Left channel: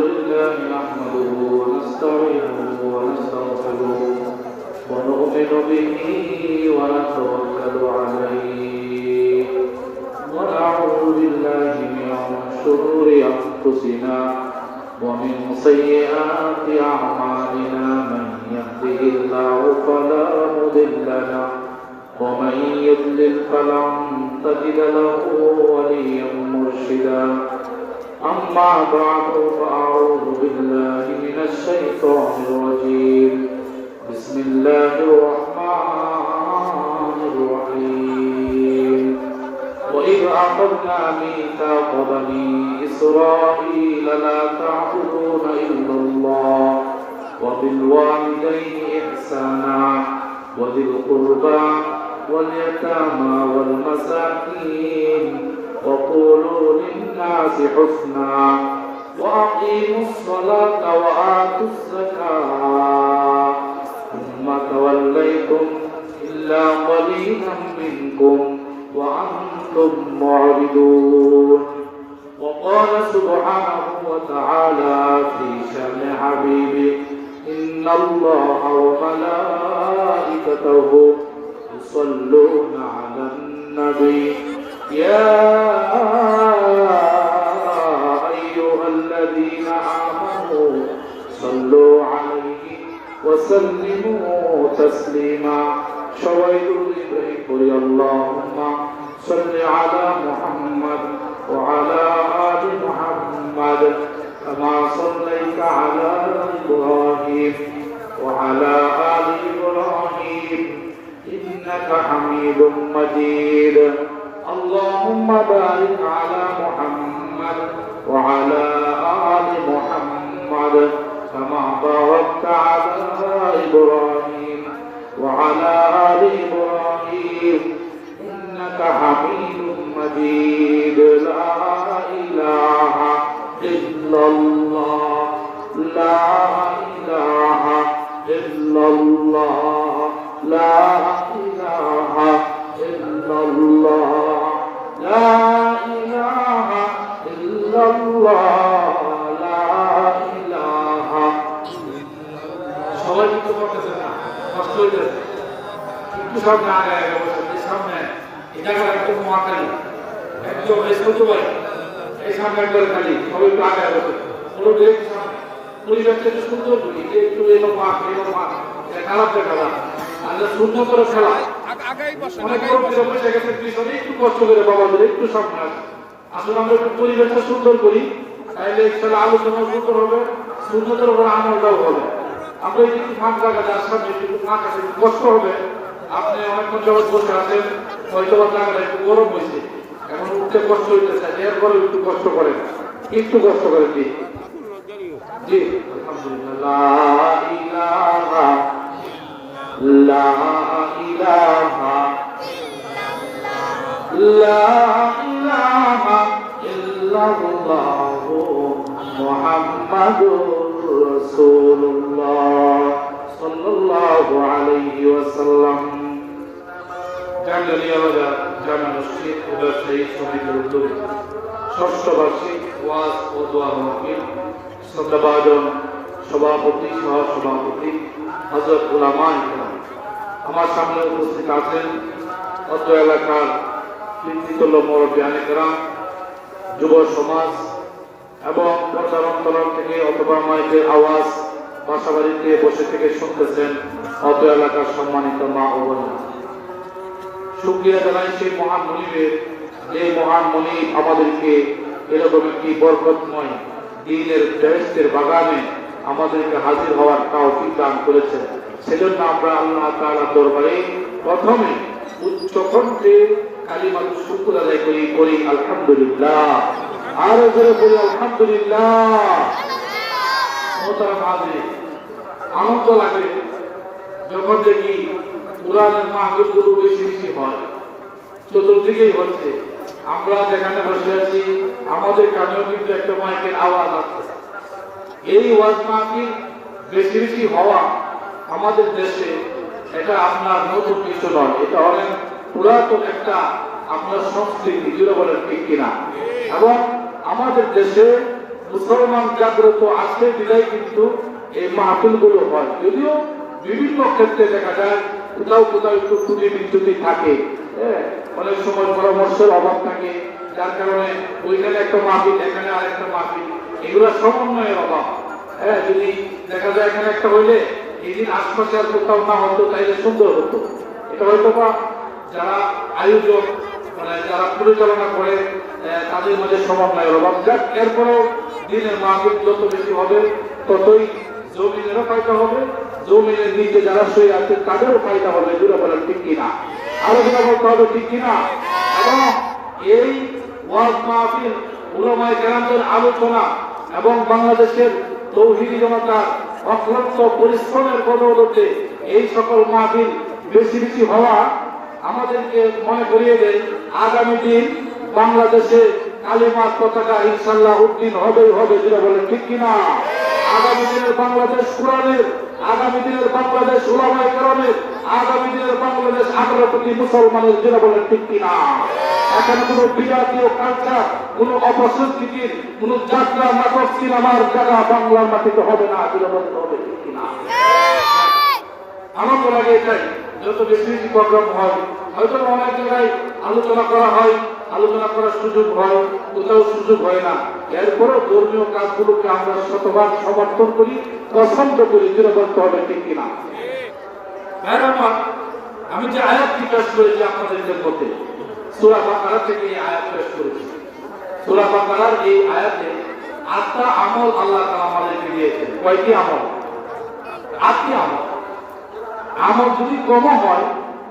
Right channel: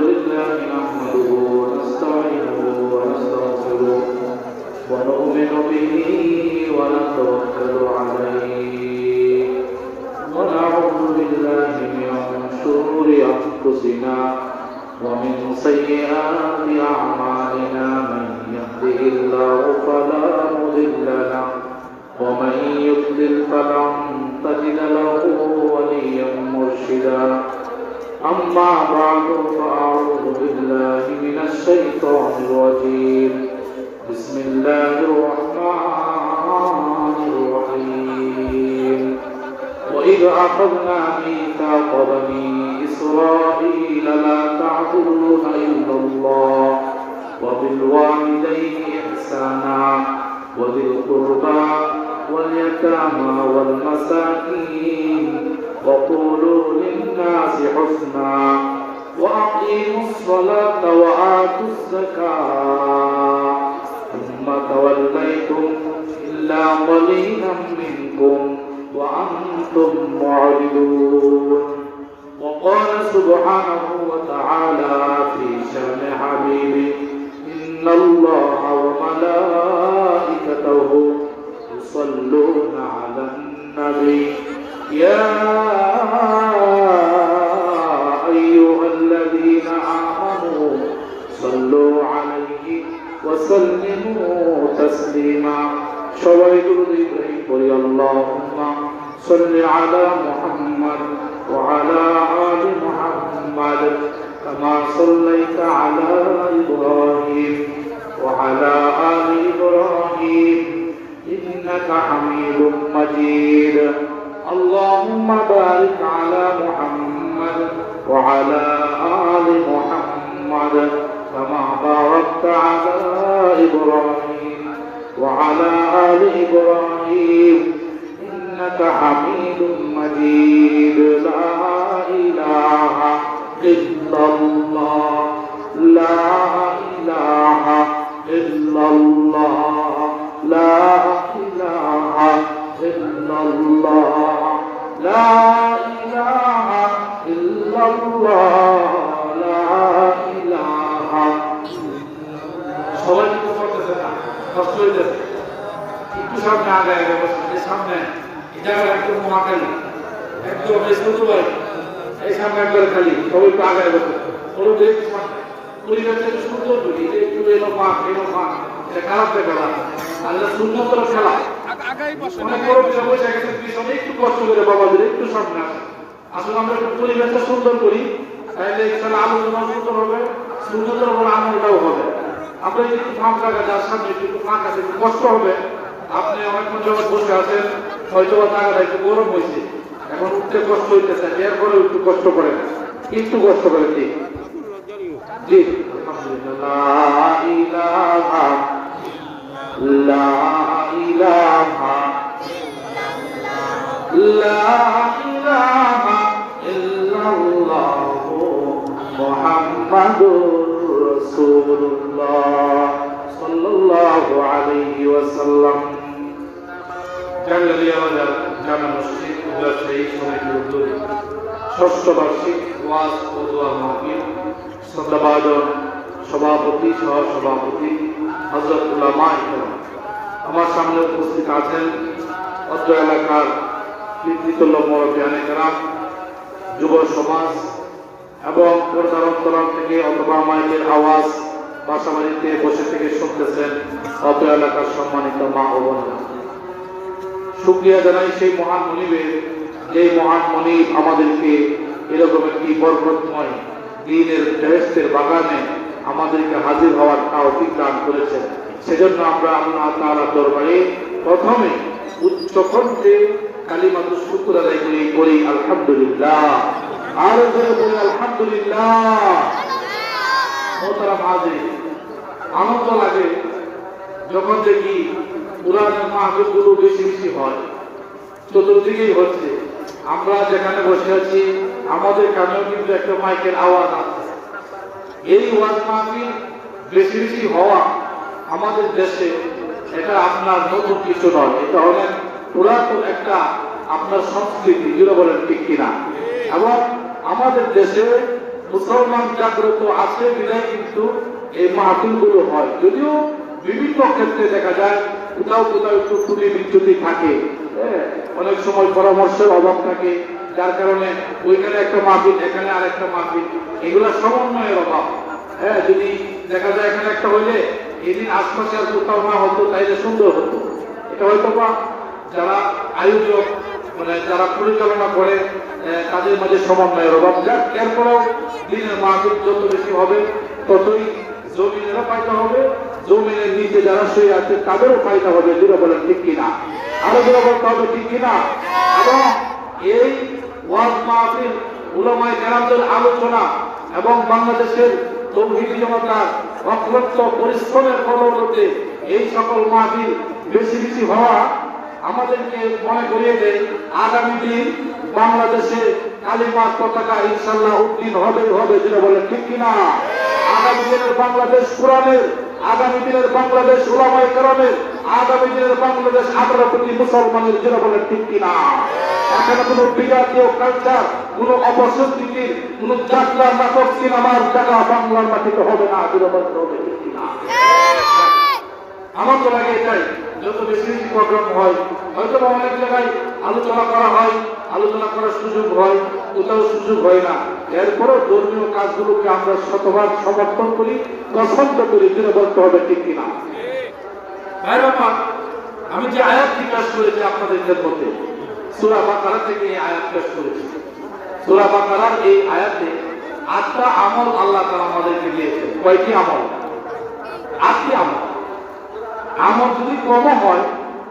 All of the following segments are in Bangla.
لله نحمده ونستعينه ونستغفره ونؤمن به ونتوكل عليه ونعوذ بالله من شرور أنفسنا ومن سيئات أعمالنا من يهده الله فلا مضل له ومن يضلل فلن تجد له وليا مرشدا أما بعد فأعوذ بالله من الشيطان الرجيم بسم الله الرحمن الرحيم وإذ أخذنا ميثاق بني إسرائيل لا تعبدون إلا الله وبالوالدين إحسانا وذي القربى واليتامى والمساكين وقولوا للناس حسنا وأقيموا الصلاة وآتوا الزكاة ثم توليتم إلا قليلا منكم وأنتم معرضون وقال سبحانه وتعالى في شأن حبيبه إن الله وملائكته يصلون على النبي يا أيها الذين آمنوا صلوا عليه وسلموا تسليما شويد إبراهيم اللهم صل على محمد وعلى آل محمد كما صليت على إبراهيم وعلى آل إبراهيم إنك حميد مجيد اللهم بارك على محمد وعلى آل محمد كما باركت على إبراهيم وعلى آل إبراهيم إنك حميد مجيد لا إله إلا الله لا إله إلا الله لا إله إلا الله لا إله إلا الله لا إله সবাই কিছু করতেছে না কষ্ট হইতেছে একটু সামনে আগে এই সামনে এই জায়গাটা একদম মহাকালী একদম এই সৌদু ভাই এই সামনে একবার খালি সবাই একটু আগে বসে বলো একটু সামনে পরিবেশটা একটু সুন্দর করি একটু এলো মাঠ কারো খেলা আর শূন্য করে খেলা একটু কষ্ট করে বাবাদের একটু সামনে আসলে আমরা একটু পরিবেশটা সুন্দর করি তাইলে খেলা আলোচনা সুন্দর হবে সুন্দর উপর আনন্দটাও হবে আমরা একটু ফাঁকা যার সামনে একটু ফাঁকা একটু কষ্ট হবে আপনি অনেকক্ষণ যখন বসে আছেন হয়তো জায়গাটা একটু গরম হয়েছে এখন উঠতে কষ্ট হইতেছে এরপরে একটু কষ্ট করেন একটু কষ্ট করেন জি জি আলহামদুলিল্লাহ لا إله لا إله إلا الله محمد رسول الله صلى الله عليه وسلم জামিয়া জামে মসজিদ ব্যবসায়ী সমিতির উদ্যোগে ষষ্ঠ বার্ষিক ওয়াজ ও দোয়া মাহফিল শ্রদ্ধাভাজন সভাপতি সহ সভাপতি হযরত উলামা আমার সামনে উপস্থিত আছেন অত্র এলাকার কৃতিত্ব মুরব্বিয়ানে কেরাম যুব সমাজ এবং পর্যালোচনা থেকে অথবা মাইকের আওয়াজ বাসাবাড়িতে বসে থেকে শুনতেছেন অত্র এলাকার সম্মানিত মা ও বোনেরা শুকরিয়া জানাই সেই মহান মনিবের যে মহান মনিব আমাদেরকে এরকম একটি বরকতময় দ্বীনের বেহেশতের বাগানে আমাদেরকে হাজির হওয়ার তৌফিক দান করেছেন সেজন্য আমরা আল্লাহ তাআলার দরবারে প্রথমে উচ্চ কণ্ঠে কালিমাতু শুকর আদায় করি আলহামদুলিল্লাহ আর বলি আলহামদুলিল্লাহ মোহতারাম হাজির আনন্দ লাগে যখন দেখি কোরআনের মাহফিলগুলো বেশি বেশি হয় চতুর্দিকেই হচ্ছে আমরা যেখানে বসে আছি আমাদের কানেও কিন্তু একটা মাইকের আওয়াজ আছে এই ওয়াজ মাহফিল বেশি বেশি হওয়া আমাদের দেশে এটা আপনার নতুন কিছু নয়, এটা অনেক পুরাতন একটা আপনার সংস্কৃতি, যেটা বলেন ঠিক কিনা। এবং আমাদের দেশে মুসলমান জাগ্রত আছে বিধায় কিন্তু এই মাহফিলগুলো হয়। যদিও বিভিন্ন ক্ষেত্রে দেখা যায় কোথাও কোথাও একটু ত্রুটি বিচ্যুতি থাকে, অনেক সময় পরামর্শের অভাব থাকে, যার কারণে ওইখানে একটা মাহফিল, এখানে আরেকটা মাহফিল, এগুলো সমন্বয়ের অভাব। যদি দেখা যায় এখানে একটা হইলে এদিন আশপাশে আর কোথাও না হতো, তাইলে সুন্দর হতো। এটা হয়তো বা যারা আয়োজক, মানে যারা পরিচালনা করে তাদের মধ্যে সমন্বয়ের অভাব। যাক, এরপরেও দিনের মাহফিল যত বেশি হবে ততই জমিনেরও ফায়দা হবে, জমিনের নিচে যারা শুয়ে আছে তাদেরও ফায়দা হবে, দূরে বলেন ঠিক কিনা। আরো যারা বলতে হবে ঠিক কিনা। এবং এই ওয়াজ মাহফিল, উলামায়ে কেরামদের আলোচনা এবং বাংলাদেশের তৌহিদি জনতার অক্লান্ত পরিশ্রমের বদৌলতে এই সকল মাহফিল বেশি বেশি হওয়া আমাদেরকে মনে করিয়ে দেয় আগামী দিন বাংলাদেশে কালিমার পতাকা ইনশাআল্লাহ উদ্দিন হবেই হবে, যেটা বলে ঠিক কিনা। আগামী দিনের বাংলাদেশ কোরআনের, আগামী দিনের বাংলাদেশ উলামায়ে কেরামের, আগামী দিনের বাংলাদেশ আমরা প্রতি মুসলমানের, যেটা বলে ঠিক কিনা। এখানে কোন বিরাতীয় কালচার, কোন অপসংস্কৃতির, কোন যাত্রা, নাটক, সিনেমার যারা বাংলার মাটিতে হবে না, যেটা বলতে হবে ঠিক কিনা। আমার তো লাগে এটাই, যত বেশি বেশি প্রোগ্রাম হয়, হয়তো অনেক জায়গায় আলোচনা করা হয়, আলোচনা করার সুযোগ হয়, কোথাও সুযোগ হয় না। এরপরও ধর্মীয় কাজগুলোকে আমরা শতভাগ সমর্থন করি, পছন্দ করি, যেটা বলতে হবে ঠিক কিনা। ভাইরা আমার, আমি যে আয়াতটি পেশ করেছি আপনাদের মধ্যে, সূরা বাকারা থেকে এই আয়াত পেশ করেছি। সূরা বাকারার এই আয়াতে 8টা আমল আল্লাহ তাআলা আমাদেরকে দিয়েছেন। কয়টি আমল? 8টি আমল। আমল যদি কম হয়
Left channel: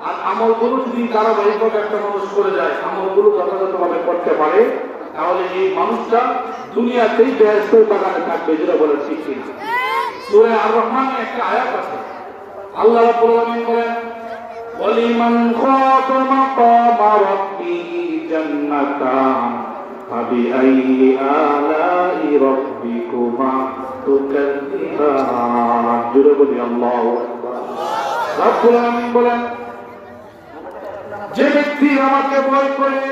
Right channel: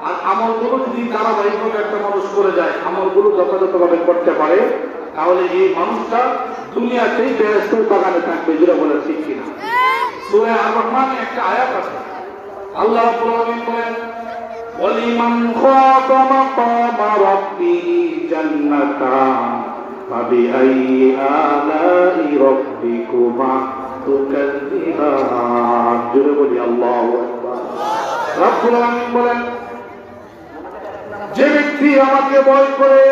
আর আমলগুলো যদি ধারাবাহিকভাবে একটা মানুষ করে যায়, আমলগুলো যথাযথভাবে করতে পারে, তাহলে এই মানুষটা দুনিয়াতেই বেহেশতের বাগানে থাকবে, যেটা বলে ঠিক কিনা। সূরা আর রহমানে একটা আয়াত আছে, আল্লাহ রাব্বুল আলামিন বলেন, ওয়ালিমান খাফা মাকামা রাব্বিহি জান্নাতান ফাবিআইয়ি আলাই রাব্বিকুমা তুকাযযিবান। জোরে বলি আল্লাহু আকবার। রাব্বুল আলামিন বলেন, যে ব্যক্তি আমাকে ভয় করে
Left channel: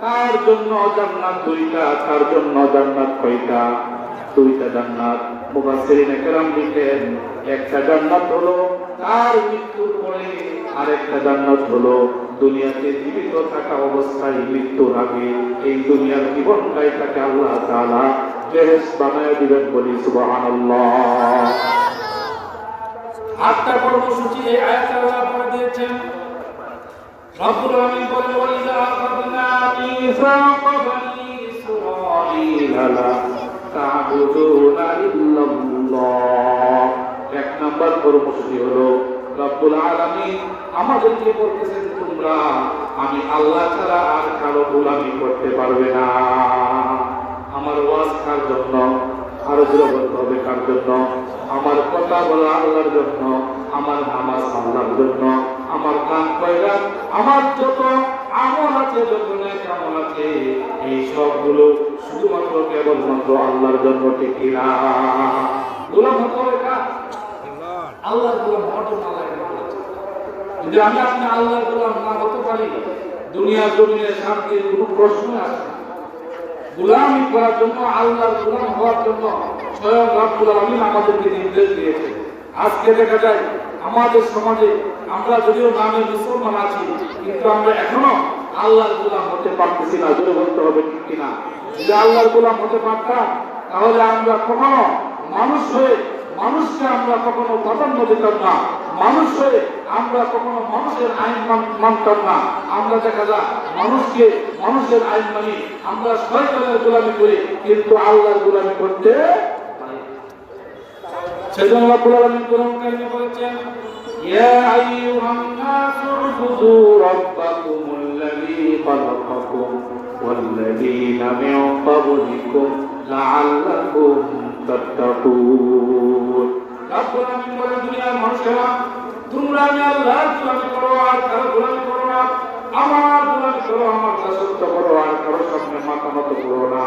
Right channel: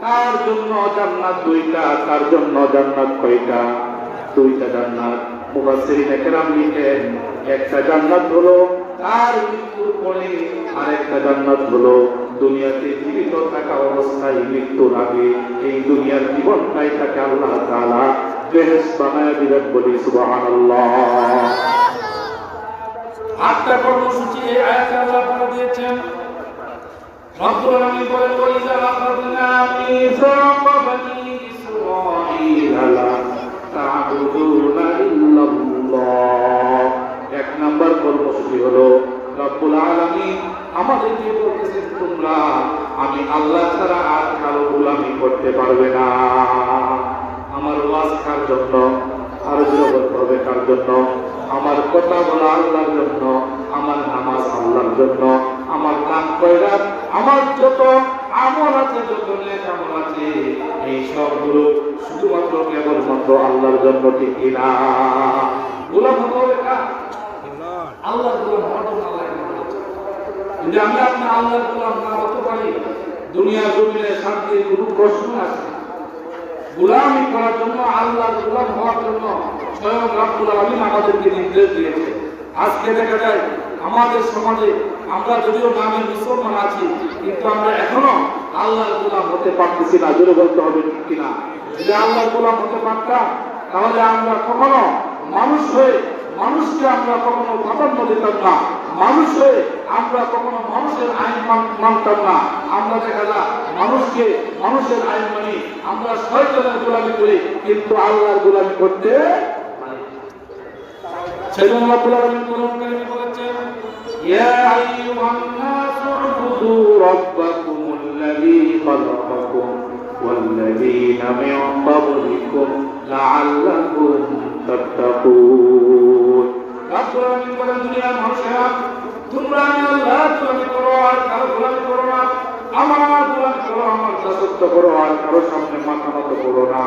তার জন্য জান্নাত দুইটা, তার জন্য জান্নাত কয়টা? দুইটা জান্নাত। মুফাসসিরিনে কেরাম লিখেন, একটা জান্নাত হলো তার মৃত্যুর পরে, আর একটা জান্নাত হলো দুনিয়াতে জীবিত থাকা অবস্থায় মৃত্যুর আগে এই দুনিয়ার জীবনটাই তাকে আল্লাহ তাআলা বেহেশত বানায় দিবেন। বলি সুবহানাল্লাহ। 8টা কর্মসূচি এই আয়াতে আল্লাহ তাআলা দিয়েছেন। রব্বুল আলামিন বলেন, ওয়াইযা আখাযনা মিসাকা বানি ইসরাঈল লা তা'বুদুনা ইল্লাল্লাহ। 1 নম্বর কর্মসূচি হলো রব্বুল আলামিন আমাদেরকে বলতেছেন, তোমরা আমি আল্লাহ ছাড়া আর কারো গোলামি করতে পারবে না। আমার ওয়াজ কার জন্য? আরো জোরে বলতে হবে কার জন্য? আমার কথা বলা আল্লাহর জন্য, আমার নামাজ আল্লাহর জন্য, আমার কান কয়রাত, আমার যত আমল আছে, যত নেক আমল আছে, এই সবগুলো শুধুমাত্র কেবলমাত্র আল্লাহর জন্য, ঠিক কিনা। গোলাম হতে হবে কার? আল্লাহর গোলাম হওয়ার জন্য আল্লাহ এখানে বলেছে। যদি আমি আপনি আল্লাহর গোলাম না হতে পারি, দুনিয়া জমিনে শান্তির কোনো প্রশ্ন আসে। গোলামি করার জন্য, আল্লাহর গোলাম হওয়ার জন্য স্বয়ং রব্বুল আলামিন আমাদেরকে নির্দেশ দিয়েছে। আজকে দেখা যায় আমাদের সমাজে আমরা যদিও নামের মুসলমান আছি, কিন্তু আমরা এখনো আল্লাহর গোলাম হতে পারতেছি না। জোরে বলতে হবে ঠিক কিনা। যদি আল্লাহর গোলাম হতে পারতাম, তাহলে আমরা কখনো মানুষ হয়ে মানুষকে আমরা কখনো প্রাধান্য দিতাম না, মানুষ হয়ে আমরা কখনো মানুষের আইন মানতাম না। আমরা দেখা যায় মানুষকে মানুষের আইন মানি, আমরা শয়তানের গোলামি করি, কিন্তু আল্লাহর গোলামি করতে সেজন্য রব্বুল আলামিন কোরআন কারিমে বলেছেন, ইয়া আইয়ুহান নাসু উবুদু রাব্বাকুমুল্লাযী খালাকাকুম ওয়াল্লাযীনা মিন ক্বাবলিকুম লাআল্লাকুম তাত্তাকুন। রব্বুল আলামিন বলেন, দুনিয়ার মানুষেরা, তোমরা আমি আল্লাহর গোলামি করো আর কারো গোলামি করো না। আমার গোলামি করো, আমার দাসত্ব করো, আর কারো সামনে মাথা নত করো না।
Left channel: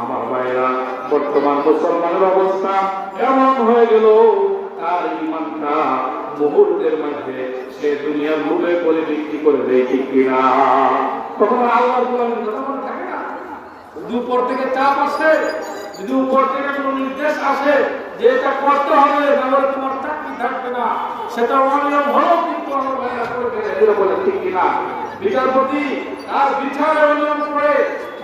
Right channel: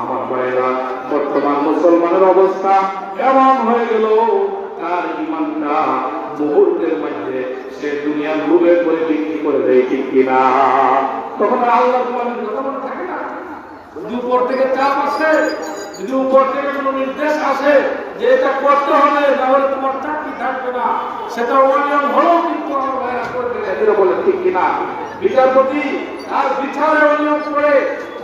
আমার ভাইরা, বর্তমান মুসলমানের অবস্থা এমন হয়ে গেল, তার ঈমানটা মুহূর্তের মধ্যে সে দুনিয়ার লোভে করে বিক্রি করে দেয়, ঠিক কিনা? তখন আল্লাহ থাকে না, যদি উপর থেকে চাপ আসে, যদি উপর থেকে কোনো নির্দেশ আসে যে এটা করতে হবে, তাহলে তোমার চাকরি থাকবে না, সেটা অনিয়ম হলেও কিন্তু আমার ভাইরা করে ফেলে, এগুলো বলে, ঠিক কিনা? বিচারপতি আর বিচারে অনিয়ম করে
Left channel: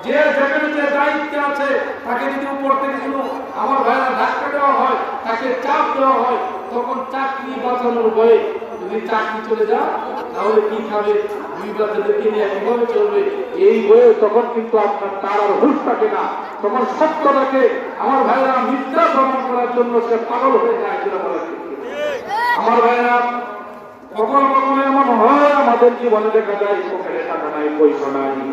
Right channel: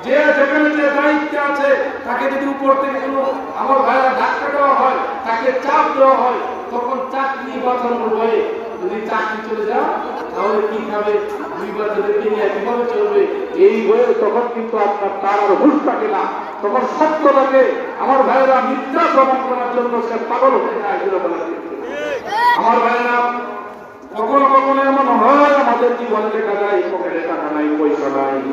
যে যেখানে যে দায়িত্বে আছে তাকে যদি উপর থেকে কোনো আমার ভাইরা ধাক্কা দেওয়া হয়, তাকে চাপ দেওয়া হয়, তখন চাকরি বাঁচানোর ভয়ে যদি চাকরি চলে যায় তাহলে কি খাবে, দুই বাচ্চাদেরকে নিয়ে কিভাবে চলবে, এই বয়ে তখন কিন্তু আপনার তার আর হুঁশ থাকে না, তখন সত্যটাকে আমার ভাইরা মিথ্যা প্রমাণ করার জন্য সে পাগল হয়ে যায়। আমার ভাইরা কখনো কখনো এমন হয় আমাদের জীবন দেখা যায় পকেটে টাকা নাই, পয়সা নাই।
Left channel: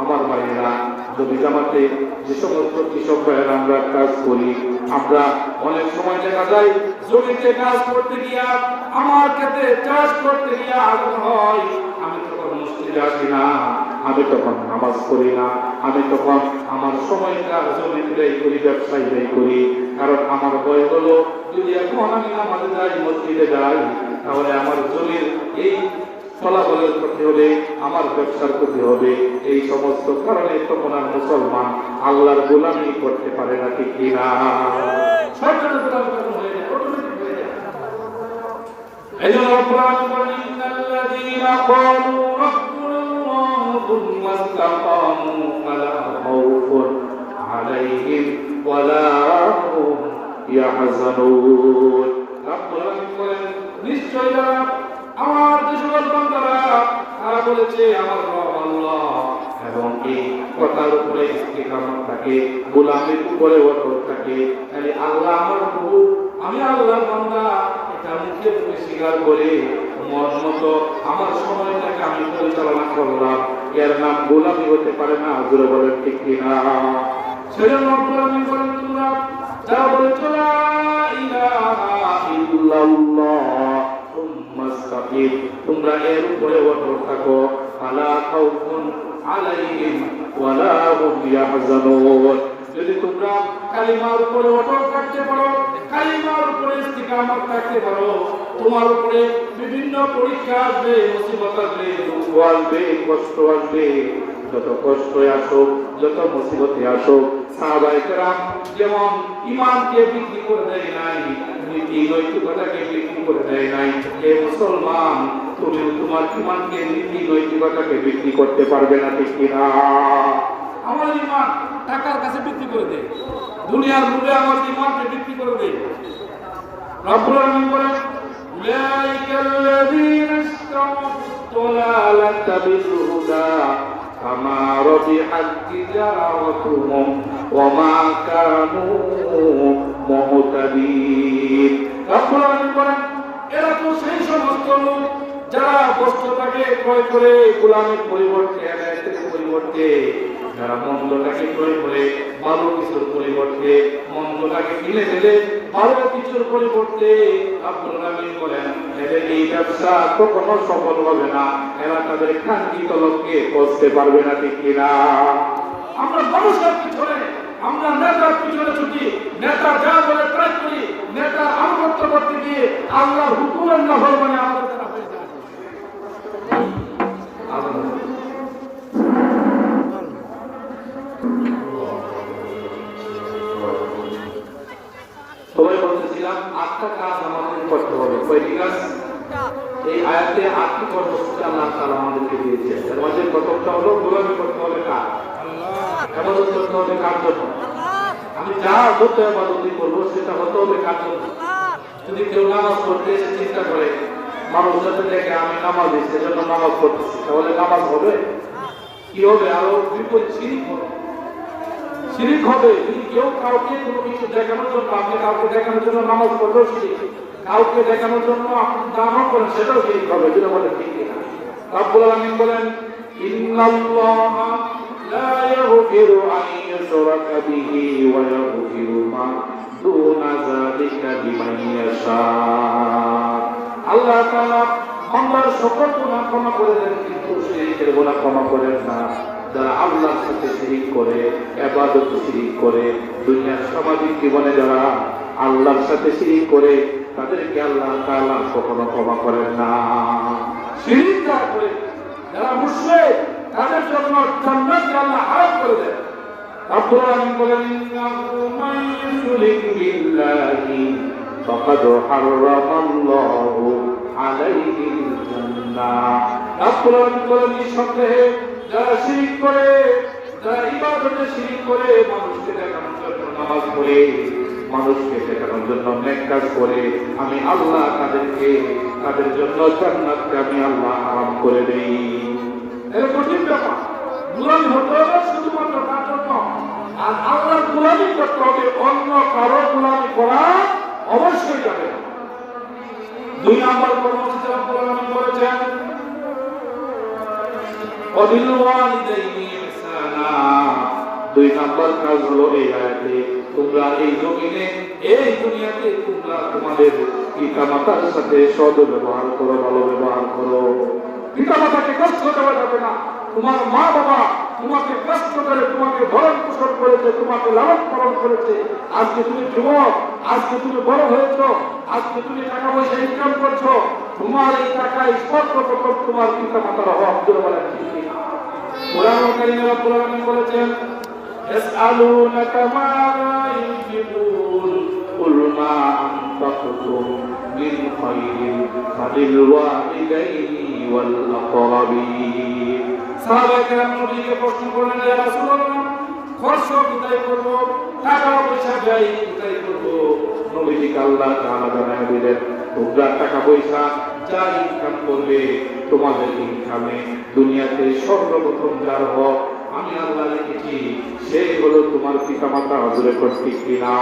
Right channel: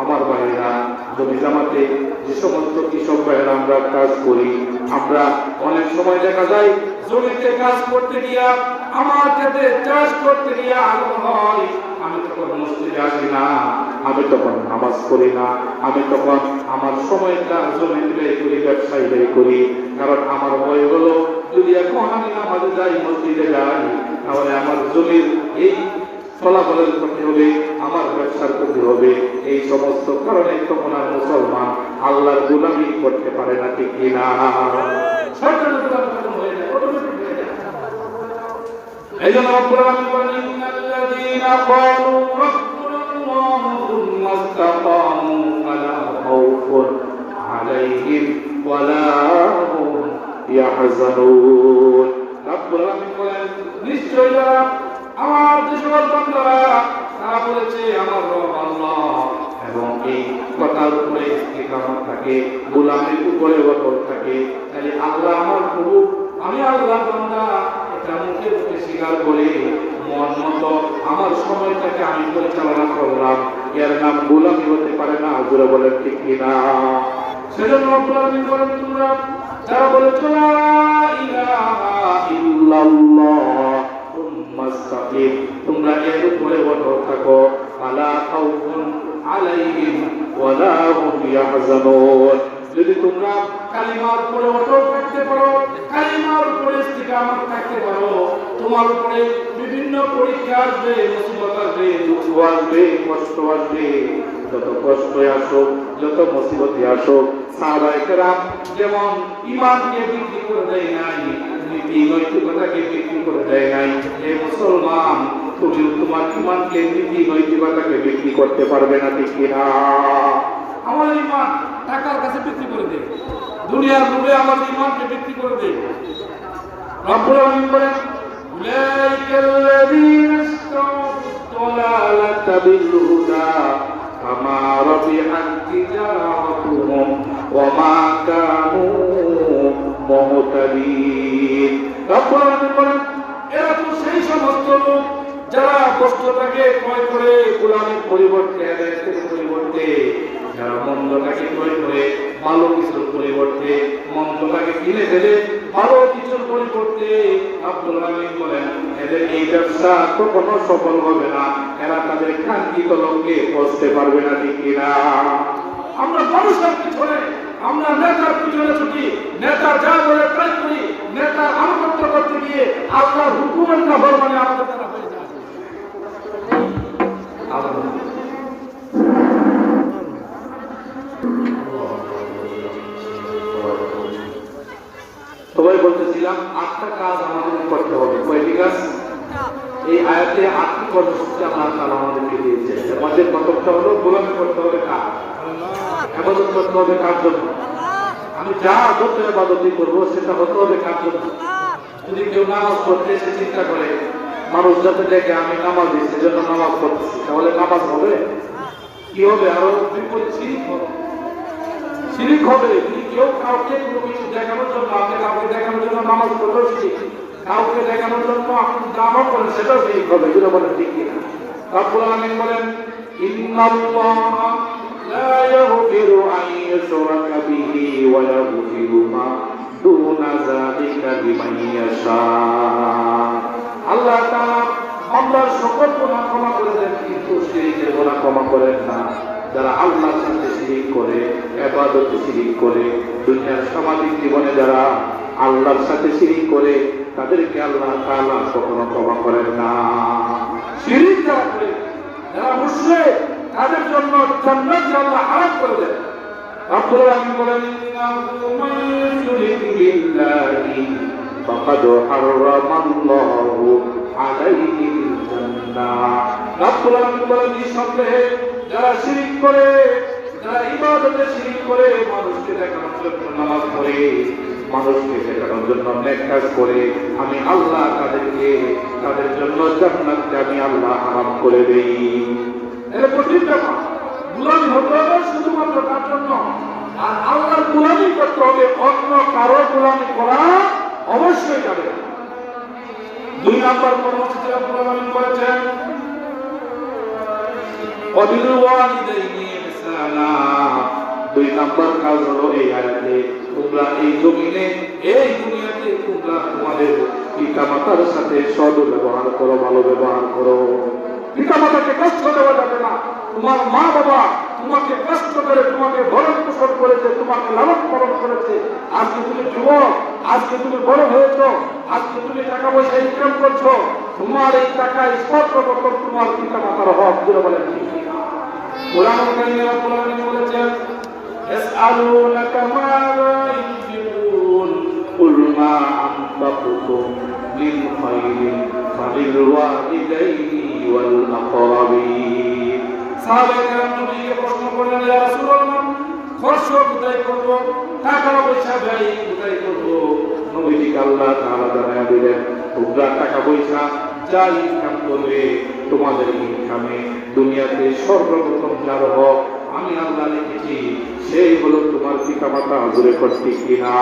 আমার ভাইরা জমি জামাতে যে সমস্ত কৃষক ভাইরা আমরা কাজ করি, আমরা অনেক সময় দেখা যায় জমিতে কাজ করতে গিয়া, আমার ক্ষেত্রে চাষ করতে গিয়া হয় আমি তখন মসজিদে আসি না, আমি তখন নামাজ করি না, আমি তখন আমার সময়টা জমিতে করি, ব্যবসায় করি, কারণ আমার ভয় হলো যদি এখন আমি নামাজে যাই, মসজিদে যাই, তাহলে আমার জমির এই ফলাফলের ক্ষতি হবে, আমার ব্যবসার ক্ষতি হবে। এই সমস্ত কারণে তখন আর মুসলমান আল্লাহর গোলামি করতে পারে না, ঠিক কিনা? শয়তানের গোলামি তখন হয়ে যায়, অটোমেটিক হয়ে যায়। এই জন্য আল্লাহ বলেন, ইন্নাল্লাযীনা ক্বালু রাব্বুনাল্লাহু সুম্মা ইসতাকামু ফালা খাউফুন আলাইহিম ওয়ালা হুম ইয়াহজানুন। আল্লাহ বলেন, নিশ্চয়ই আমার যে সকল বান্দারা তারা বলেছে আমার রব আল্লাহ, এবং এই কথার উপরে ইস্তিকামত থাকে, গোলামির উপরে অটল থাকে, তাহলে আল্লাহ আমার প্রভু, আমি আল্লাহর বান্দা, এটা মুখে মুখে স্বীকার করে মন মতো আমার সময়টাকে আমি পরিচালনা করলাম, এর নাম গোলামি হতে পারে না। বলে বলেন, ঠিক কিনা? সেজন্য গোলামি করেন তোমরা যারা বলেছ লা ইলাহা ইল্লাল্লাহ, তোমরা এর উপরে অটল থাকো, আলা খাউফুন আলাইহিম ওয়ালা হুম ইয়াহজানুন। যদি তোমরা কালিমার উপরে অটল থাকতে পারো, কালিমার উপরে ইস্তিকামত থাকতে পারো, তোমার উপরে বিভিন্ন পরীক্ষা আসবে, মুসিবত আসবে, দুঃখ আসবে, কষ্ট আসবে, যত কষ্ট আসুক, যত মুসিবত আসুক, সাহাবায়ে কেরাম যেমন ঈমানকে বিক্রি করে দেয় নাই, নীতি নৈতিকতাকে বিক্রি করে দেয় নাই, এই মুসলমান তুমি তোমার ঈমানকে, নীতি নৈতিকতাকে বিক্রি করতে পারবে না, ঠিক কিনা? আমার ঈমান টাকার কাছে বিক্রি করে দেয়, দুনিয়ার লোভে আমার ঈমানকে বিক্রি করে দেয়। রব্বুল আলামিন বলেন, উলাইকাল্লাযীনা ইশতারাউদ দালালাতা বিল হুদা ফামা রাবিহাত তিজারাতুহুম ওয়া মা কানু মুহতাদিন। রব্বুল আলামিন বলেন, এরা তো সেই সমস্ত লোক যারা বস্তুটাকে ক্রয় করে গোলামের পরিবর্তে, হেদায়েতের পরিবর্তে, যারা মন্দটাকে ক্রয় করে ভালো কিছুর পরিবর্তে, মন্দটাকে কিনে ফেলে ভালো কিছুর পরিবর্তে, রব্বুল আলামিন বলেন এদের এই ব্যবসা কখনো সফল হবে না, এরা তাদের কাঙ্ক্ষিত লক্ষ্যে পৌঁছতে পারবে না, ঠিক কিনা? আমরা মানুষের পিছনে, আমরা নেতার পিছনে ছুটি, নেতা যা বলে তাই করি, নেতার আনুগত্য করতে গিয়ে আল্লাহর হুকুমের না হয় মানে আমাদের দ্বারা হয়ে যায়। সবাই বলতেছিলাম 8টা কাজ আমাদের করতে হবে। কয়টি কাজ? এই আয়াতে 8টি কর্মসূচি আল্লাহ তাআলা আমাদেরকে দিয়েছে। এর মধ্যে প্রথমটা হলো গোলামি করতে হবে কার? ইবাদত করতে হবে কার জন্য? আমি যা করতে ইবাদতই করবো সেটা হতে হবে কার জন্য? যদি কেউ নামাজ পড়তে এসে চিন্তা করে মানুষ যাতে দেখে আমি নামাজ দিচ্ছি, সেজন্য নামাজ পড়তেছি, তাহলে নামাজ হবে? কি হবে? আরো বিপরীত শিরিক হবে। শিরিক হবে। কেউ কাউকে কোনো কিছু দেখানোর জন্য, আপনি কাউকে দেখানোর জন্য নামাজ পড়লেও শিরিক, কাউকে দেখানোর জন্য আপনি দানও করেন সেটাও শিরিক হবে। যেটা বলেন ঠিক কিনা? রব্বুল আলামিন বলেন, ইন্নাল্লাহা লা ইয়াগফিরু আন ইউশরাকা বিহি ওয়া ইয়াগফিরু মা দুনা যালিকা লিমান ইয়াশা। আল্লাহ তাআলা বান্দার সকল গুনাহ ক্ষমা করে দেন, কিন্তু শিরিকের গুনাহ ক্ষমা করেন না। যারা আল্লাহর সাথে শিরিক করে, ইবাদতে শিরিক করে, দুনিয়ার সামাজিক জীবনে যারা আল্লাহর সাথে শিরিক করে, তাদেরকে আল্লাহ তাআলা কখনো ক্ষমা করেন না। শিরক যারা করে, যারা মুশরিক, তাদের জন্য জান্নাত আল্লাহ হারাম করে দেন। রব্বুল আলামিন বলেন, ইন্নাহু মান ইউশরিক বিল্লাহি ফাকাদ হারামাল্লাহু আলাইহিল জান্নাহ। রব্বুল আলামিন বলেন, নিঃসন্দেহে যারা শিরক করে, যারা ইবাদতে শিরক করে, মানুষকে দেখানোর জন্য নামাজ পড়ে, মানুষকে দেখানোর জন্য নেক কাজ করে, আমি আল্লাহ তাদের জন্য জান্নাতকে আমি আল্লাহ হারাম করে দেই। এর কঠিন ব্যাপার। গোলামি হতে হবে শুধুমাত্র তার জন্য, আর আল্লাহর গোলামি করতে হবে, অন্য কারো গোলামি করা অবশ্যই যাবে। 2 নম্বর কর্মসূচি রব্বুল আলামিন করেছেন, ওয়াবিল ওয়ালিদাইনি ইহসানা। 2 নম্বর কাজ হলো এই আয়াতে, তোমরা এই জমিনে, এই দুনিয়াতে তোমরা তোমাদের পিতা মাতার সাথে সদ্ব্যবহার করো, ভালো ব্যবহার করো। পিতা মাতাকে কষ্ট দেওয়া যাবে না। তোমার মা বাবা তোমাকে কষ্ট করে তোমাকে ভরণ পোষণ করেছে, তোমাকে লালন পালন করেছে। আজকে তুমি যুবক, আজকে তুমি বড় হয়েছ, আজকে তুমি টাকা পয়সা ইনকাম করছো, তোমার এই টাকায় সর্বপ্রথম তোমার পিতা মাতার হক বলে বলেন। কোরআন কারীমে কোরআনে বলেছেন, ইয়াসআলুনাকা মাযা ইউনফিকুন কুল মা আনফাকতুম মিন খায়রিন ফালিল ওয়ালিদাইনি ওয়াল আকরাবিন। সাহাবায়ে কেরাম নবীকে প্রশ্ন করলেন, ইয়া রাসূলুল্লাহ, খরচ কোথায় করব, টাকা পয়সা ব্যয় কোথায় করব? নবীজি আল্লাহ তাআলা জানিয়ে দিলেন, তোমরা টাকা পয়সা যা ইনকাম করবে, তোমাদের ইনকামে দুনিয়াতে সর্বপ্রথম যার হক আমি আল্লাহ লিখেছি, সেই হলো তোমার পিতা মাতা। হুজুরে করতে কিনা?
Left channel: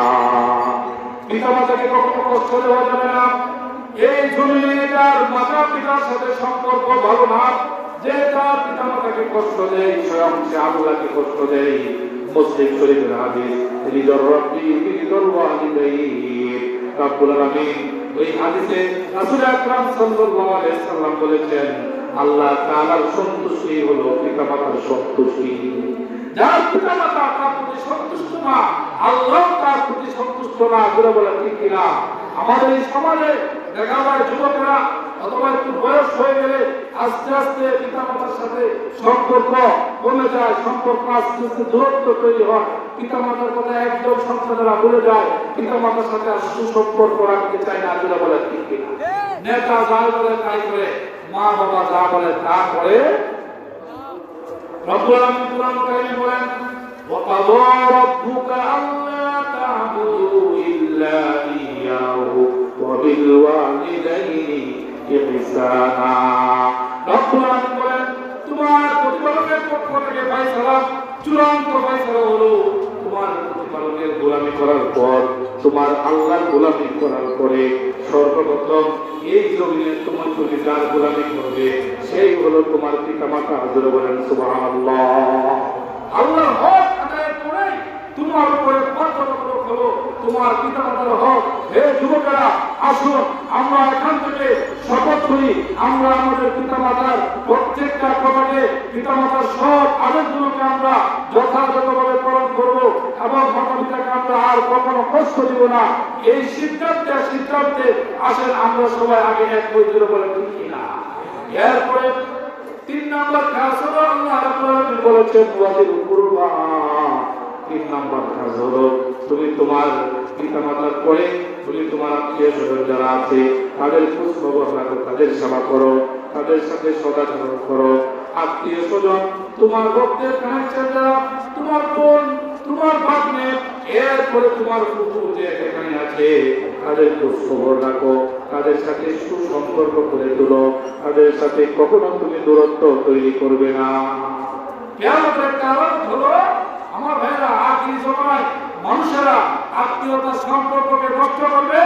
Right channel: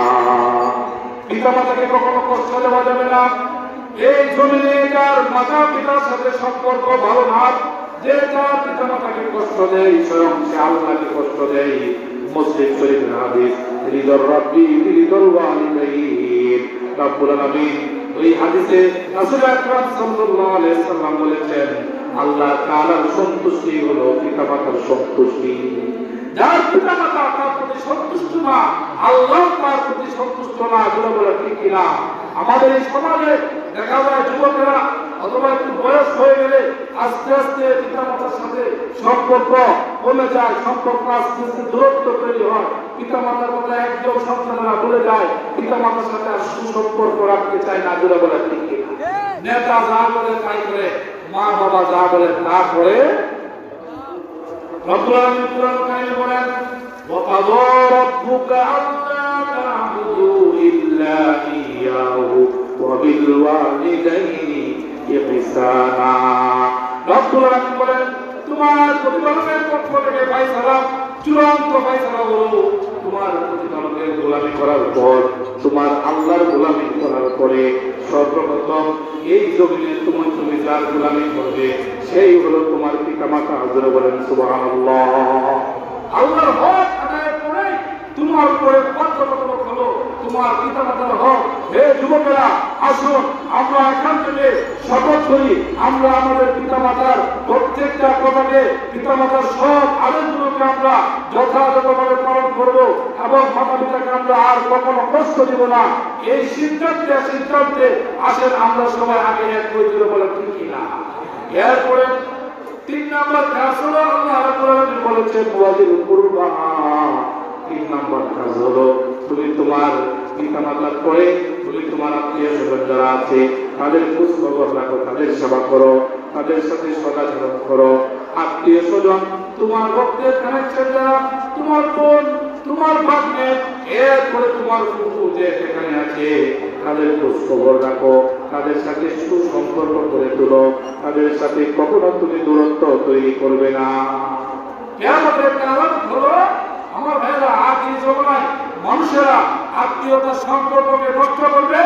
পিতা মাতাকে কখনো কষ্ট দেওয়া যাবে না। এই জমিনে যার মাতা পিতার সাথে সম্পর্ক ভালো না, যে তার পিতা মাতাকে কষ্ট দেয়, স্বয়ং সে আল্লাহকে কষ্ট দেয়। মুসলিম শরীফের হাদিস, রিদর রাব্বি রিদল ওয়ালিদাইন। রব্বুল আলামিন ওই হাদিসে রাসূল আকরাম সাল্লাল্লাহু আলাইহি সাল্লাম বলেছেন, আল্লাহ তাআলার সন্তুষ্টি হলো পিতা মাতার সন্তুষ্টি। যার পিতা মাতা তার প্রতি সন্তুষ্ট না, আল্লাহ তার প্রতি সন্তুষ্ট না। বলে ঠিক কিনা? আমাদের এই সমাজে দেখা যায় যুবকেরা অথবা একটু বয়স হয়ে গেলে আস্তে আস্তে পিতা মাতার সাথে সম্পর্ক কমে যায়, সম্পর্ক আস্তে আস্তে দূরত্ব তৈরি হয়। পিতা মাতার কথা একদম সন্তানেরা ভুলে যায়, পিতা মাতার সাথে আর সুসম্পর্ক রাখতে চায় না। বলে ঠিক কিনা? নেতা যা বলে তাই করে, মা বাবা যা বলে তা করে। রব্বুল আলামিন কোরআন কারীমে বলেন, ওয়া কাযা রাব্বুকা আল্লা তা'বুদু ইল্লা ইয়্যাহু ওয়া বিল ওয়ালিদাইনি ইহসানা। রব্বুল আলামিন বলেন, তোমার প্রতিপালকের পক্ষ থেকে ফয়সালা, চূড়ান্ত ফয়সালা হলো, তোমার প্রতিপালকের গোলামি করার পর, তোমার আল্লাহর গোলামি করার পরে সর্বপ্রথম এই জমিনে তুমি যার গোলামি করবে, সেই হলো তোমার পিতা মাতা। হুজুর বলেন সুবহানাল্লাহ। আল্লাহর হক আদায় করে তোমার উপরে বাধ্যতামূলক হলো তোমার পিতা মাতার হক। হে যুবকেরা, আসুন আমরা এখান থেকে শপথ করি, আমরা আমাদের পিতা মাতার প্রত্যেকটা কথাকে, পিতা মাতার সব আদেশগুলোকে আমরা যথাযথভাবে পালন করব এবং মাতা পিতাকে আমরা আর কখনো কষ্ট দিব না। এই সিদ্ধান্তে আসেন আমরা সবাই আগে এক হয়ে বলে ঠিক কিনা? এরপরে 3 নম্বর কাজ হলো, আল্লাহ রাব্বুল আলামিন বলেছেন, ওয়াজিল কুরবা। 3 নম্বর কাজ হলো, তুমি তোমার পিতা মাতার পরে তুমি তোমার আত্মীয় স্বজন যারা আছে তাদের খোঁজ খবর রাখো, তাদের সেবা করো, তাদের সাথে সদাচরণ করো। আত্মীয় স্বজন তোমার ভক্তের কানেকশন যারা, তোমার বোন, তোমার ভাগ্নে, এরপরে তোমার কুকুর যে এখানে আছে, তাদের খোঁজ খবর রাখো, তাদের সাথে সুসম্পর্ক করে তোলো, তাদের সাথে কখনো তুমি দূরত্ব তৈরি করবে না। কিয়ামতের কারণ হলো আমার ভাইরা, আখির জমানায় মানুষেরা আত্মীয়তার সম্পর্ককে নষ্ট করবে,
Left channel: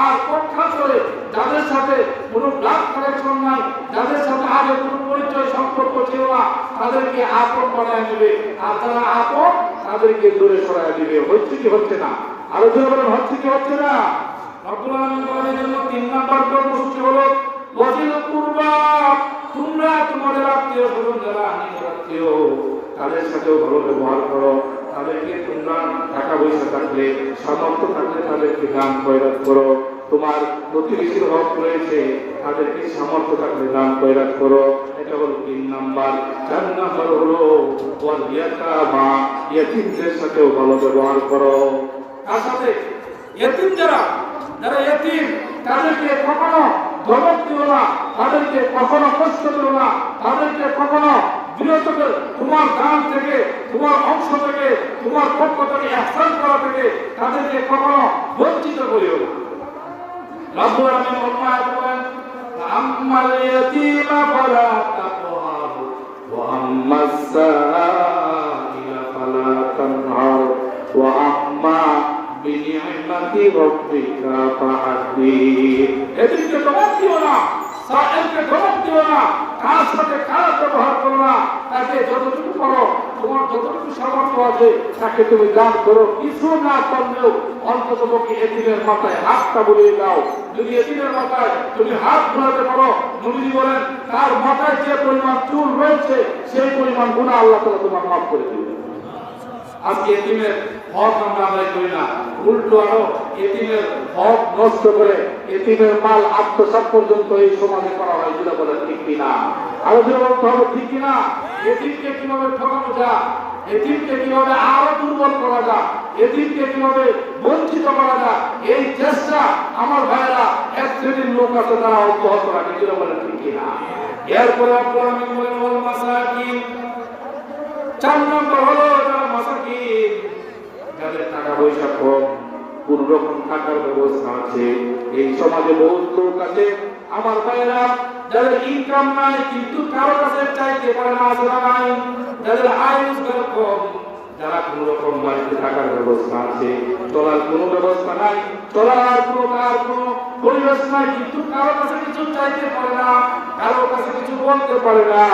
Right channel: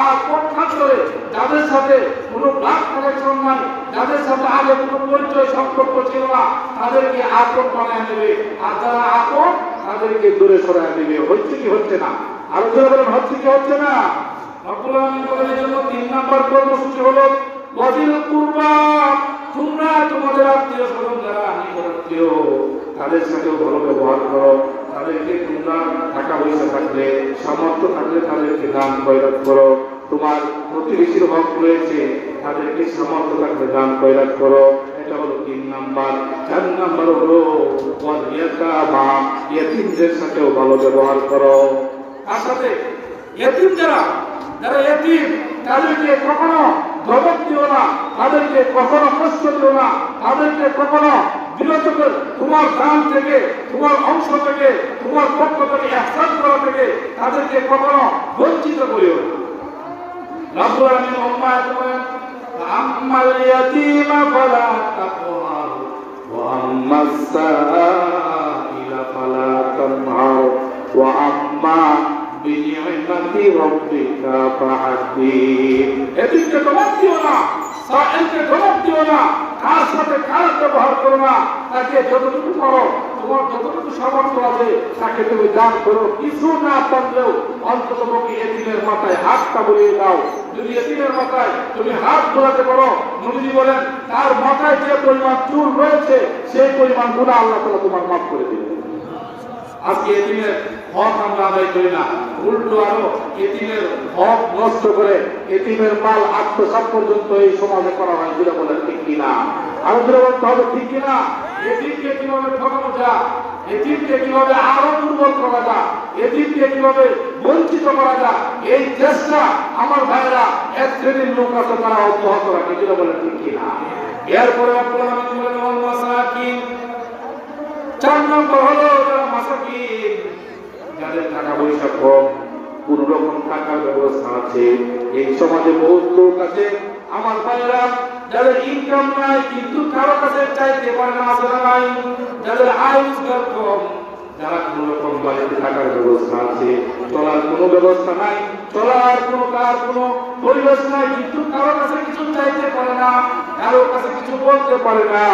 আর পক্ষান্তরে যাদের সাথে কোনো ব্লাড কানেকশন নাই, যাদের সাথে আগে কোনো পরিচয় সম্পর্ক ছিল না, তাদেরকে আপন বানায় নেবে, আর যারা আপন তাদেরকে দূরে সরায় দিবে। হচ্ছে কি হচ্ছে না? আরো জোরে বলেন, হচ্ছে কি হচ্ছে না? রব্বুল আলামিন বলেন, এজন্য 3 নম্বর কর্মসূচি হলো ওয়াজিল কুরবা। তোমরা তোমাদের আত্মীয় স্বজন যারা নিকটাত্মীয়, তাদের সাথে ভালো ব্যবহার করো, তাদেরকে তোমরা টাকা পয়সা থাকলে, সামর্থ্য থাকলে তাদেরকে দান খয়রাত করো, তোমার প্রতিবেশীর হক রয়েছে, তাদেরকে সামর্থ্য থাকলে দান খয়রাত করো। এটা হলো 3 নাম্বার। 4 নাম্বার হলো ওয়াল ইয়াতামা, ইয়েতিমদের সাথেও ভালো ব্যবহার করো। তার সাথে এতিম যারা এতিম তাদেরকে কখনো ধমক দিও না, তাদেরকে কখনো কষ্ট দিও না, তাদেরকে কখনো বিরত করে তোমার দান থেকে, তোমার অংশ থেকে, তোমার পক্ষ থেকে ইহসান করা থেকে তাদেরকে কখনো বঞ্চিত করিও না। রব্বুল আলামিন উম্মাহ করেন আম্মাল ইয়াতীমা ফালা তাকহার ওয়া আম্মাস সাইলা ফালা তানহার ওয়া আম্মা বিনি'মাতি রাব্বিকা ফাহাদ্দিস। এদিকে ধমক দিও না, সাইলকে ধমক দিও না, তার সাথে খারাপ ব্যবহার করো না, তাকে যতটুকু করো, তোমার যতটুকু সামর্থ্য আছে তাকে তুমি দান করো। কিছু না করলেও অন্তত পক্ষে এতিমের মাথায় হাতটা বুলিয়ে দাও। যদি এতিমের মাথায় তুমি হাত বোলাতে পারো, নবীজি বলেন তার মাথায় যে পরিমাণ চুল রয়েছে সেই পরিমাণ গুনাহ আল্লাহ তাআলা তোমার মাফ করে দিবেন। আজকে এতিমের হক আমরা আদায় করি না, উল্টো আরো এতিমের হক নষ্ট করে এতিমের মাল আত্মসাৎ পর্যন্ত এই সমাজে করা হয়। যেটা বলেন ঠিক কিনা? আমাদের ঠিক কিনা? এতিমকে কিভাবে ঠকানো যায়, এতিমকে কিভাবে আরো দুর্বল করা যায়, এতিমকে কিভাবে বঞ্চিত করা যায়, এই চেষ্টা আমার ভাইরা এক শ্রেণীর লোক আছে তারা অব্যাহত রাখে। যেটা বলেন ঠিক কিনা? এরপর আপনারা আমি বলেন ওয়াল মাসাকিন। 4 নম্বর হলো যারা মাসাকিন, যাদের টাকা পয়সা কম, কোন রকম টাকার ব্যবস্থা আছে। এই সমাজে বহুত লোক আছে আমার ভাইরা যাদের ইনকাম নাই কিন্তু কারো কাছে চাইতে পারে না, আছে না ভাই? যাদের আয় রোজগার কম, যারা কোন রকম বাড়িতে টাকার ব্যবস্থা আছে, চলার কোনো ব্যবস্থা নাই, চলার কোনো তার কোনো পরিবেশ নাই, কিন্তু কারো কাছে কিছু চাইতে পারে না, কারো কাছে কিছু বলতে পারে না।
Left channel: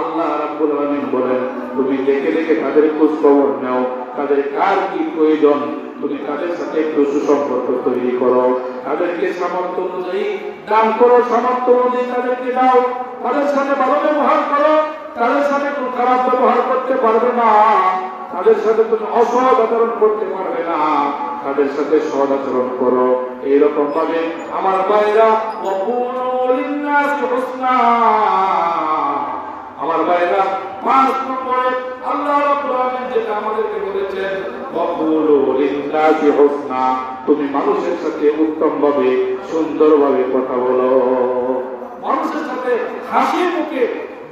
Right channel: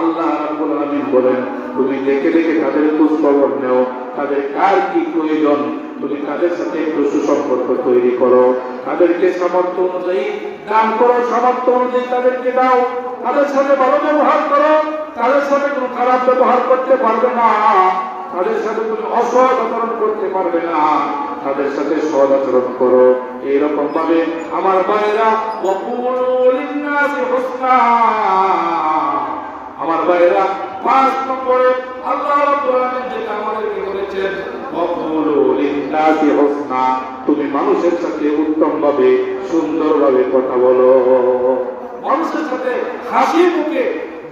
আল্লাহ রাব্বুল আলামিন বলেন তুমি দেখে দেখে তাদের খোঁজ খবর নাও, তাদের কার কি প্রয়োজন, তুমি তাদের সাথে একটু সুসম্পর্ক তৈরি করো, তাদেরকে সামর্থ্য অনুযায়ী দান করো, সামর্থ্য অনুযায়ী তাদেরকে দাও, তাদের সাথে ভালো ব্যবহার করো, তাদের সাথে কোনো খারাপ ব্যবহার করতে পারবে না, তাদের সাথে তুমি অসৎ আচরণ করতে পারবে না, তাদের সাথে সৎ আচরণ করো। এইরকম ভাবে আমার ভাইরা ওয়াকুলু লিন-নাসি হুসনা। আমার ভাইরা 5 নম্বরে আল্লাহ রাব্বুল আলামিন যেটা আমাদেরকে বলেছেন ওয়াকুলু লিন-নাসি হুসনা, তুমি মানুষের সাথে উত্তম ভাবে সুন্দর ভাবে কথা বলো। মানুষের সাথে হাসি মুখে,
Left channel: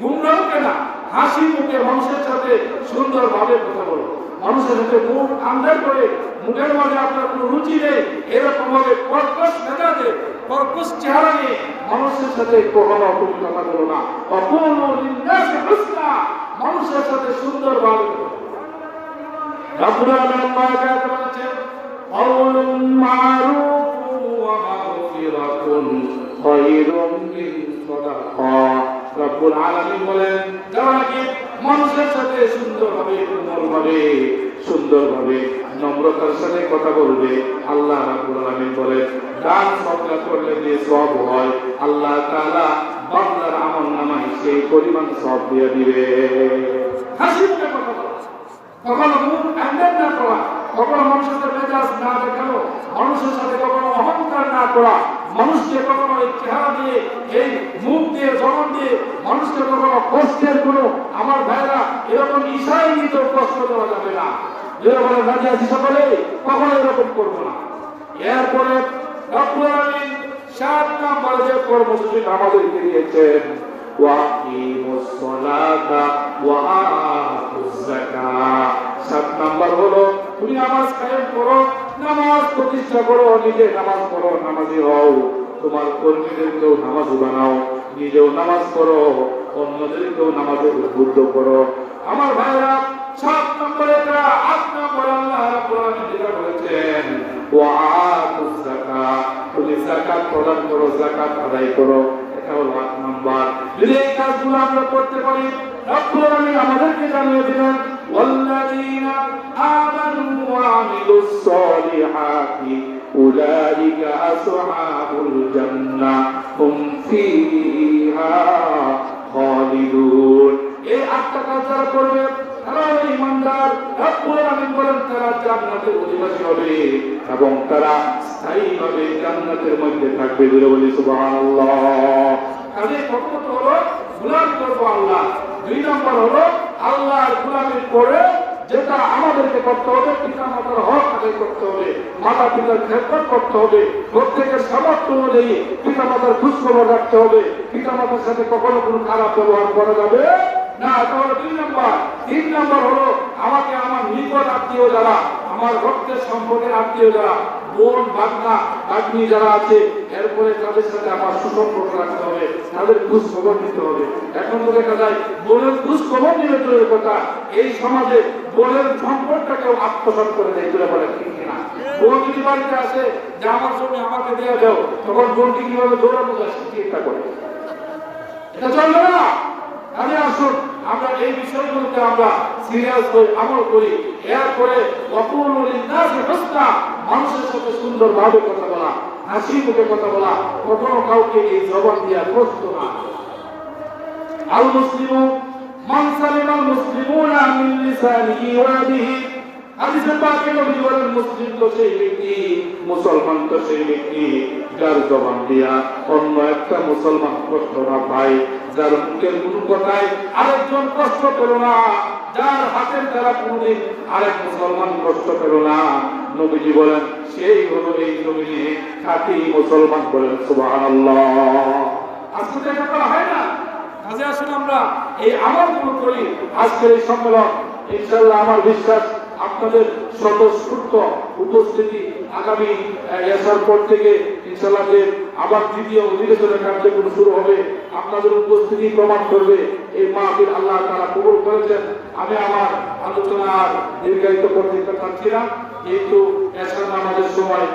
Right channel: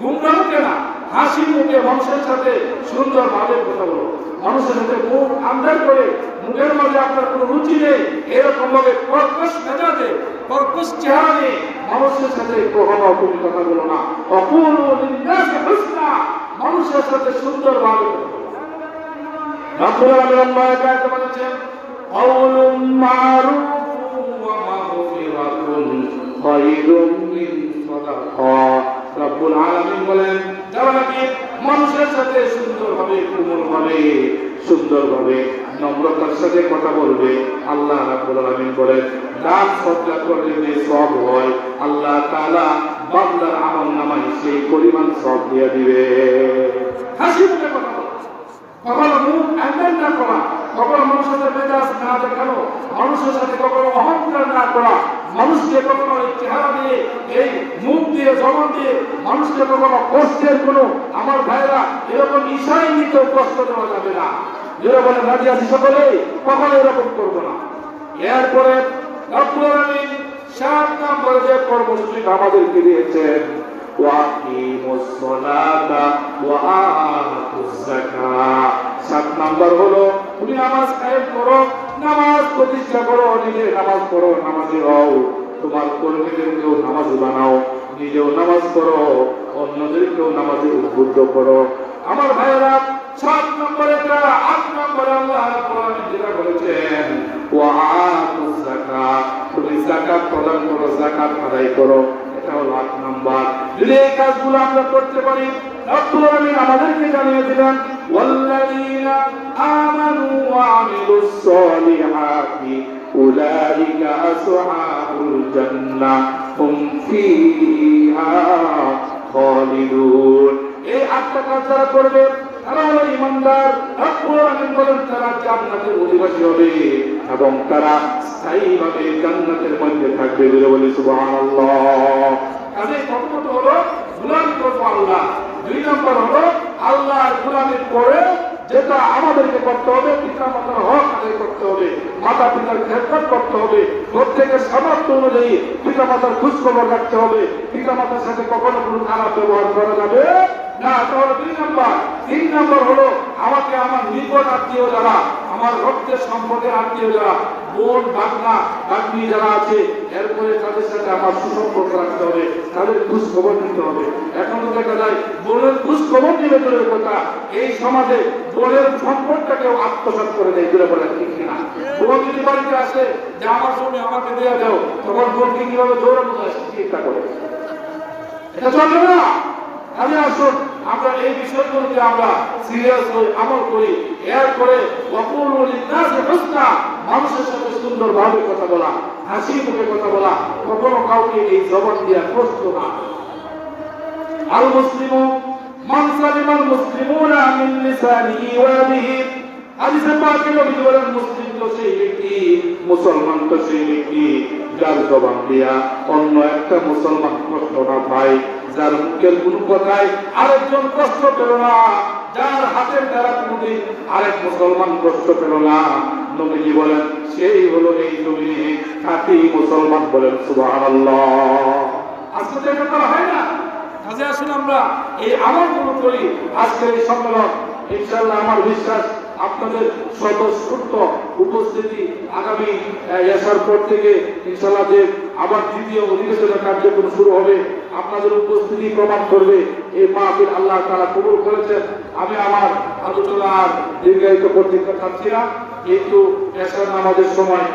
গুমরা মুখে না, হাসি মুখে মানুষের সাথে সুন্দর ভাবে কথা বলো। মানুষের সাথে মুখ আন্দার করে, মুখের মাঝে আপনার কোনো রুচি নেই, এরকম ভাবে কর্কশ মেজাজে, কর্কশ চেহারা নিয়ে মানুষের সাথে কখনো তুমি কথা বলো না। ওয়াকুলু লিন-নাসি হুসনা, মানুষের সাথে সুন্দর ভাবে কথা বলো। রাব্বুল আলামিন বলেছেন কাউলুন মারুফুন ওয়া মাগফিরাতুন খায়রুম মিন সাদাকা। রাব্বুল আলামিন বলেন যারা নাকি মানুষের সাথে সুন্দরভাবে, কোমলভাবে, সুন্দরভাবে, নম্রতার সাথে কথা বলবে, আল্লাহ রাব্বুল আলামিন বলেন দান সদকা করলে যে সওয়াব হয় আল্লাহ তাআলা বান্দার আমলনামায় সেই পরিমাণ সওয়াব দিয়ে দিবে। হাসি মুখে কথা বলো, কখনো মুখ একদম না করা, কখনো মানুষের সাথে মেজাজ না দেখানো, মানুষের সাথে কখনো অহংকার না করা, মানুষকে কখনো এই চেহারা দিয়ে, এই মুখ দিয়ে, জবান দিয়ে মানুষকে কখনো কষ্টের কোনো, আমার ভাইরা এরকম ইশারায় নিত কষ্ট করা যাবে না। যেরকম নাকি আছি সকলে কখনো এরকম করবো না। এরপরে রাব্বুল আলামিন 7 নম্বর যে কর্মসূচি আমাদেরকে দিয়েছেন ওয়াকিমুস সালাতা ওয়া আতুজ যাকাত। 7 নম্বর হলো তুমি নামাজ কায়েম করো, নামাজ প্রতিষ্ঠা করো, নিজে নামাজ পড়ো, নামাজি হও, তোমার কর্মীদেরকেও নামাজি বানাও, নিজেও নামাজ পড়ো, অন্যদেরকেও নামাজে উদ্বুদ্ধ করো। আমার ভাইরা 7 নম্বরে 8 নম্বরে আল্লাহ রাব্বুল আলামিন যেটা বলেছেন ওয়া আতুজ যাকাত, তুমি যাকাত প্রদান করো, যাকাত আদায় করো, এটা হলো 8 নম্বর। যদি এই কাজগুলো আমরা করতে পারি রাব্বুল আলামিন আমাদেরকে জানিয়ে দিলেন ওয়াল্লাযীনা আমানু ওয়া আমিলুস সালিহাতি উলাইকা আসহাবুল জান্নাহ হুম ফিহা খালিদুন। এই 8টা কাজ যারা করবে এরা ইমানদার, রব্বুল আলামিন বলেন তারা জান্নাতের অধিবাসী হবে এবং তারা স্থায়ীভাবে জান্নাতের মধ্যে থাকবে। বলে বলি সুবহানাল্লাহ। কাজে প্রথমত হলো গোলামি করবো আল্লাহ, 2 নম্বর হলো আল্লাহর গোলামির পরে যেটা আমাদেরকে করতে হবে, পিতা মাতার হক আদায় করতে হবে, মাতা পিতার খেদমত করতে হবে, প্রত্যেকের সামর্থ্য অনুযায়ী পিতা মাতার খোঁজখবর রাখতে হবে, পিতা মাতার সাথে কখনো কোনো খারাপ ব্যবহার করা যাবে না। তাহলে 2 নম্বর। 3 নম্বর হলো আমাকে আমার নিকট আত্মীয় যারা, আমার রক্তের সম্পর্কের আত্মীয় যারা, বোন বাগনা বাগনি যারা আছে, এরপরে তাদের সাথে আমার সুসম্পর্ক রাখতে হবে, তাদের খোঁজ খবর নিতে হবে। এখন তো দেখা যায় বোনের খোঁজ খবর নিলে দূরের কথা, এই সমাজে বোনের সম্পর্কটাকেও আত্মসাৎ করে দেয়। দূরে বলে ঠিক না? বোন যদি বাড়িতে আসে যে আমার জমি আমাকে দেওয়া দাও, তখন বোনকে কিভাবে জোরের মতো চিন্তা করে, এটা চলবে না। আমি আসুন আমরা এই বিষয়গুলোকে আমরা সিরিয়াস হয়ে আমল করি। এরপরে মানুষের সাথে সুন্দরভাবে কথা বলা, হাসি মুখে কথা বলা, কখনো কাউকে এই জবান দেওয়া কষ্ট না। আল মুসলিমু মান সালিমাল মুসলিমুনা মিন লিসানিহি ওয়া ইয়াদিহি। হাদিসে পাকে নবী বলেন মুসলিম তো সেই ব্যক্তি, মুসলমান তো সেই ব্যক্তি যার জবান দিয়া অন্য একটা মুসলমান কষ্ট না পায়, যার মুখের কোন কথায় আরেকজন কষ্ট পেল না, যার হাতের দ্বারা কোনদিন আরেক মুসলমান কষ্ট পেল না। নবীজি বলেন সেই হলো এই জমিনে খাঁটি মুসলমান। বলেন সুবহানাল্লাহ। আসলে এটা হয় না। কাজে আসুন আমরা এই আমলগুলো করি। আজকের এই সম্মেলন ইনশাআল্লাহ আমার বিশ্বাস আপনাদের স্বতঃস্ফূর্ত উপস্থিতি আগামী এসার পর থেকে ইনশাআল্লাহ যে আবার দ্বিতীয় অধিবেশনের কার্যক্রম শুরু হবে, আপনাদের উপস্থিতি প্রমাণ করবে এই মাহফিল আল্লাহ তাআলা কবুল করেছেন। আমি আমার আলোচনা দীর্ঘায়িত করতে চাচ্ছি না, কিন্তু এসার নামাজের সময়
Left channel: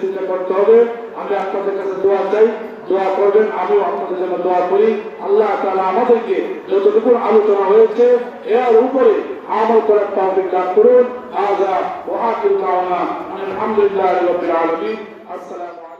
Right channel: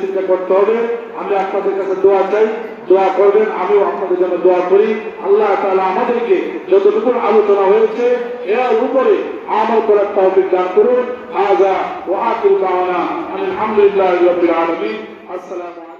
চিন্তা করতে হবে। আমি আপনাদের কাছে দোয়া চাই, দোয়া করবেন, আমিও আপনাদের জন্য দোয়া করি। আল্লাহ তাআলা আমাদেরকে যতটুকু আলোচনা হয়েছে এর উপরে আমল করার তৌফিক দান করুন। হাযা ওয়া আখিরু দাওয়ানা আলহামদুলিল্লাহি রাব্বিল আলামিন। আসসালামু আলাইকুম।